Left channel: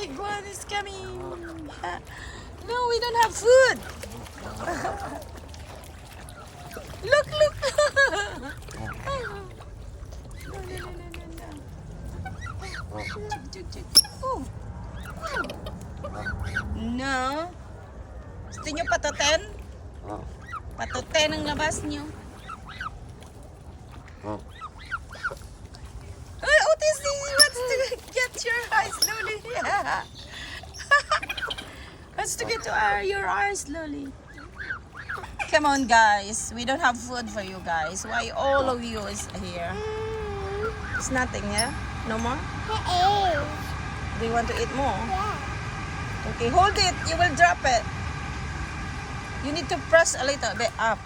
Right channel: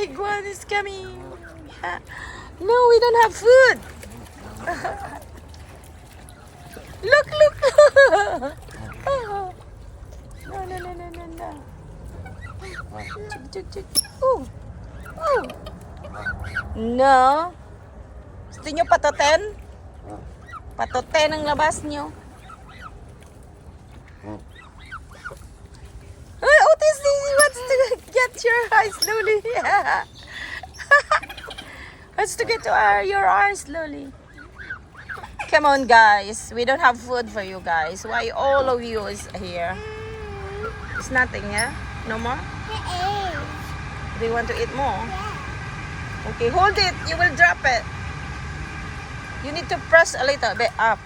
big one is coming. No, we don't have food. Look, look. No, no, no, no, no, no. Chuk, chuk, chuk. Oh. Oh. No. Gusto nyo patoten? Patoten ang labas nyo. Ay, Otis, he wants to get your eyes slowly. Wants to get to your eyes slowly. Come on, guys. We don't have food for you guys. Why all of you is here? It's nothing, yeah? No more? Do you want to eat more? Okay, hold it. You will drop it. You need to press a little bit up.